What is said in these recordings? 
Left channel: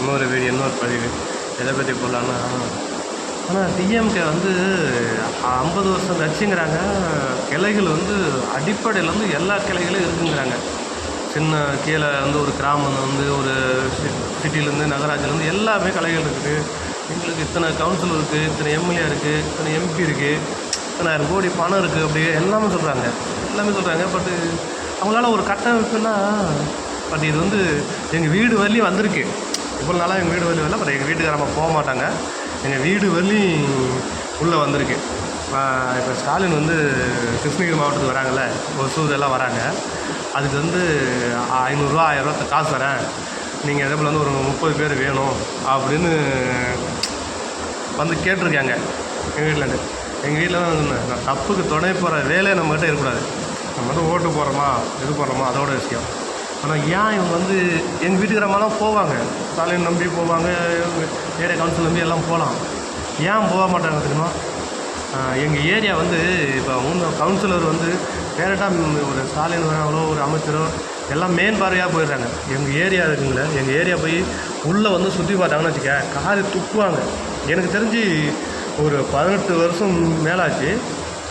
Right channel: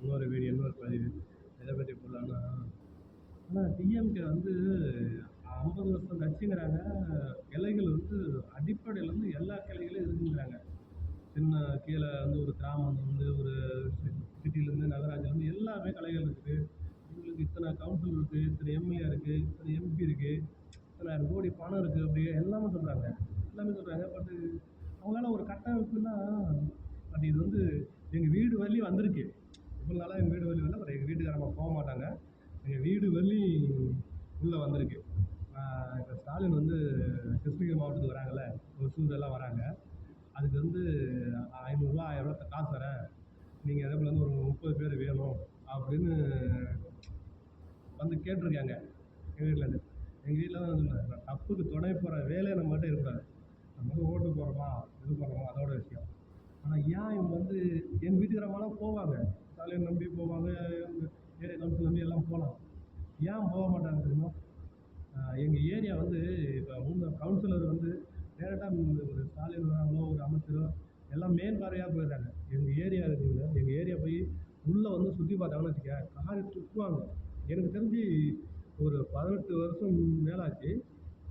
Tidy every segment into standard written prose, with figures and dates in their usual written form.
இன்னொரு பதிவு எதை பற்றி போடலான்னா, ஆனால் டிஎம்கே வந்து 50 வருஷம் கட்சிங்கிறாங்க. கிளைகள் வந்து அடிப்படையில் வந்து எல்லா கிளைகளும் இருக்குங்கிறாங்க. சின்ன கீழே வந்து ஒரு கிராமம் வந்து ஒரு சிட்டிலேருந்து நகராட்சியிலேருந்து எல்லாமே கிளைகள் இருக்குது. எங்களுக்கு இத்தனை கவுன்சில் இருக்குது, இத்தனை எம்எல்ஏ இருக்குது, இத்தனை எம்பி இருக்குது, இத்தனாயிரம் கோடி பணம் இருக்குது, அப்படி எல்லாமே சொல்கிறாங்க. பட்டு அவங்களால ஒரு கட்டமைப்புன்னா, பட் இது வந்து எங்கள் வீடு வரலையும் வந்திருக்கு. இவ்வளோ நாளாக எங்கள் வீடு வரலையும் வரல, பட் எங்கள் வீட்டுக்காரம்மா போக மாட்டாங்க. எங்கள் வீடு வரலையும் உள்ளே வந்திருக்கு. இப்போ ஸ்டாலின் வந்து கிருஷ்ணகிரி மாவட்டத்துக்கு வராங்கல்ல, ஒசூர் எல்லாம் வராங்க. அதுக்கு வந்து 500 ரூபா 1000 ரூபா காசு தரேன், நீங்கள் அதே போல் வந்து ஒரு 30 பேர் வேணும் அப்படின்னு வந்து கேட்டிருக்காங்க எங்கள் வீட்டிலேருந்து. எங்கள் வீட்டில் தான் சொன்னேன், நான் தப்புக்கு துணை போகிற வேலையை நம்மகிட்ட இருக்கக்கூடாது. நம்ம மட்டும் ஓட்டு போடுறோமா இது போடுறோமா அதோட விஷயம். ஆனால் ஏன் இவங்க வந்து எங்கள் வீட்டுக்காரம்மாலாம் போவாங்க, ஸ்டாலின் நம்பி போவாங்க, ஏரியா கவுன்சில் நம்பி எல்லாம் போகலாம். ஏன் போக மாட்டாங்க தெரியுமா? எங்கள் ஏரியா வந்து இப்போ கவுன்சிலர் வந்து டேரெக்டாக ஒரு ஸ்டாலின் அவ்வளோ ஒரு அமைச்சரோ எல்லாம் மெயின் பார்வையாக போயிடுறாங்க. எங்கள் ஏரியா இருக்குங்கள, எங்கள் ஏரியா போய் உள்ளே வந்து சுற்றி பார்த்தாங்கன்னு வச்சுக்க, காரி துப்புவாங்க. எனக்கு தெரிஞ்சு ஒரு 18 வருஷம் மேலாச்சு.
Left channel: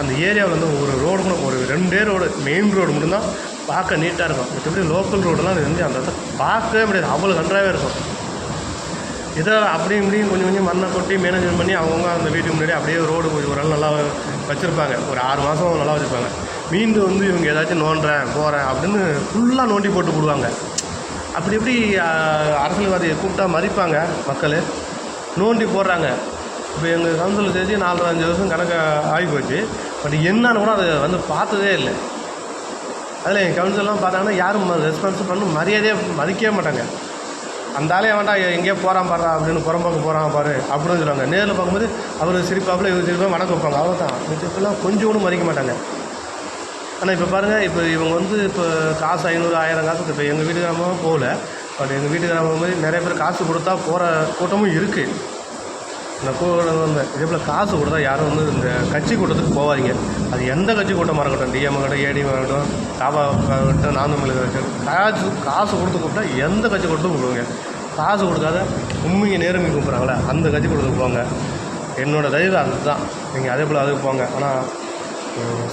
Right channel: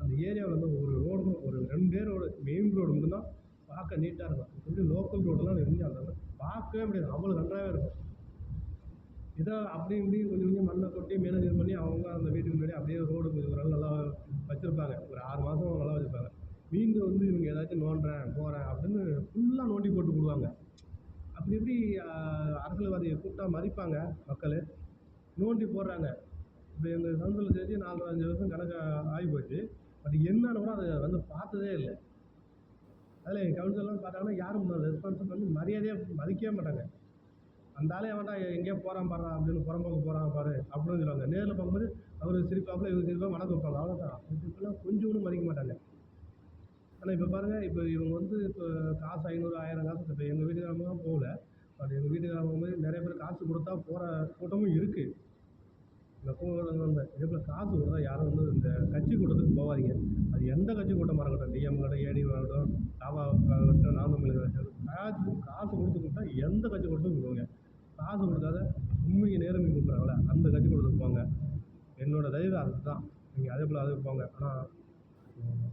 அந்த ஏரியாவில் வந்து ஒரு ரோடு கூட, ஒரு 2 ரோடு, மெயின் ரோடு மட்டும்தான் பார்க்க நீட்டாக இருக்கும். மற்றபடி லோக்கல் ரோடெல்லாம் வந்து அந்த இடத்த பார்க்கவே முடியாது, அவ்வளோ நன்றாகவே இருக்கும். இதை அப்படியும் இப்படியும் கொஞ்சம் கொஞ்சம் மண்ணை கொட்டி மேனேஜ்மெண்ட் பண்ணி அவங்கவுங்க அந்த வீட்டுக்கு முன்னாடி அப்படியே ரோடு கொஞ்சம் ஒரு நாள் நல்லா வச்சுருப்பாங்க. ஒரு 6 மாதம் நல்லா வச்சுருப்பாங்க. மீண்டும் வந்து இவங்க ஏதாச்சும் நோண்டுறேன் போகிறேன் அப்படின்னு ஃபுல்லாக நோண்டி போட்டு போடுவாங்க. அப்படி இப்படி அரசியல்வாதியை கூப்பிட்டா மதிப்பாங்க மக்கள், நோண்டி போடுறாங்க. இப்போ எங்கள் கவுன்சில் சேர்த்து 4-5 வருஷம் கணக்கு ஆகி போச்சு. பட் என்னன்னு கூட அதை வந்து பார்த்ததே இல்லை. அதில் என் கவுன்சிலெலாம் பார்த்தாங்கன்னா யாரும் ரெஸ்பான்ஸ் பண்ணி மரியாதையாக மதிக்கவே மாட்டாங்க. அந்த ஆளே வேண்டாம் எங்கேயோ போகிறான் பாடுறா அப்படின்னு புறம்போக்கு போகிறான் பாரு அப்படின்னு சொல்லுவாங்க. நேரில் பார்க்கும்போது அவர் சிரிப்பாப்பில் இவர் சிரிப்பாக வணக்கம் வைப்பாங்க, அவ்வளோதான். மிச்சப்பெல்லாம் கொஞ்சம் கூட மதிக்க மாட்டாங்க. ஆனால் இப்போ பாருங்கள், இப்போ இவங்க வந்து இப்போ காசு 500 1000 காசு இப்போ எங்கள் வீட்டுக்காரமாக போகல. பட் எங்கள் வீட்டுக்காரமாக மாதிரி நிறைய பேர் காசு கொடுத்தா போகிற கூட்டமும் இருக்குது. இந்த இதே போல் காசு கொடுத்தா யாரும் வந்து இந்த கட்சி கூட்டத்துக்கு போவாதீங்க. அது எந்த கட்சி கூட்டமாக இருக்கட்டும், டிஎம் ஆகட்டும், ஏடிஎம் ஆகட்டும், காபா ஆகட்டும், நானும் காசு கொடுத்து கூப்பிட்டா எந்த கட்சி கூட்டம் கூப்பிடுவாங்க. காசு கொடுக்காத உண்மையை நேர்மையை கூப்பிட்றாங்களே அந்த கட்சி கூட்டத்துக்கு போங்க. என்னோடய தயவு அதுதான். நீங்கள் அதே போல் அதுக்கு போங்க. ஆனால்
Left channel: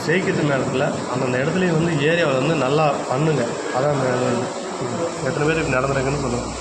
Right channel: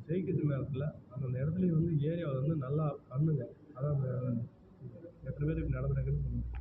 ஜெயிக்கிறது நேரத்தில் அந்தந்த இடத்துலையும் வந்து ஏரியாவில் வந்து நல்லா பண்ணுங்கள். அதான் எத்தனை பேர் இப்படி நடந்துருக்குன்னு சொல்லுங்கள்.